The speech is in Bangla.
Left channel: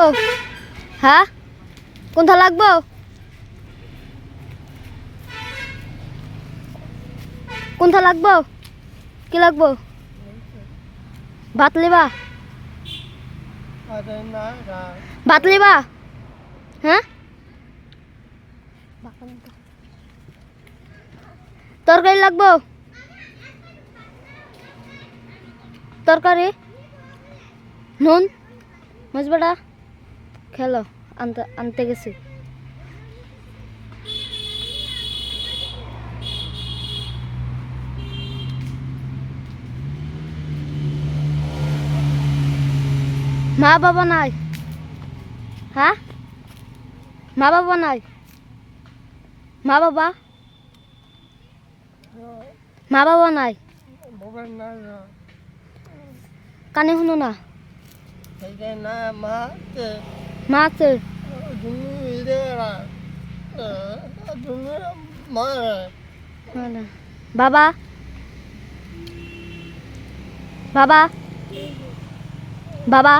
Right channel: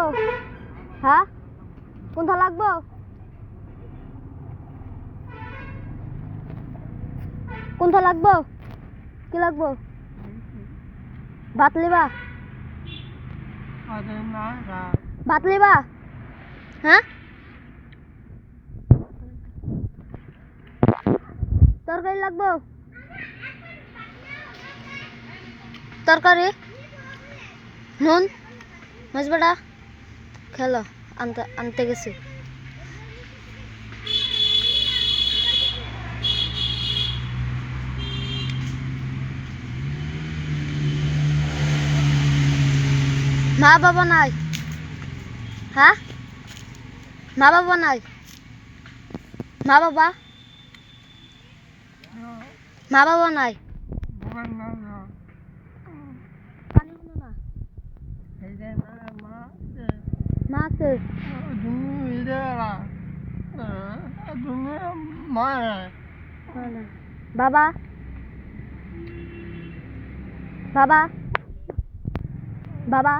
লাগবো? হ্যাঁ, কোনটা লাগবো? কোনটা লাগবো? কি লাগবো? ভাত লিবা? ভাত লিবা? হ্যাঁ, তরকারি লাগবো? তরকারি, নুন, মশবাটা খেলো, আনতে আনতে গেছি। মা বাবা নাই? হ্যাঁ, মা বাবা নাই? মা বাবা, মা বাবা নাই? কানে শুনো না? মা আছে? বাবা, বাবা, বাবা,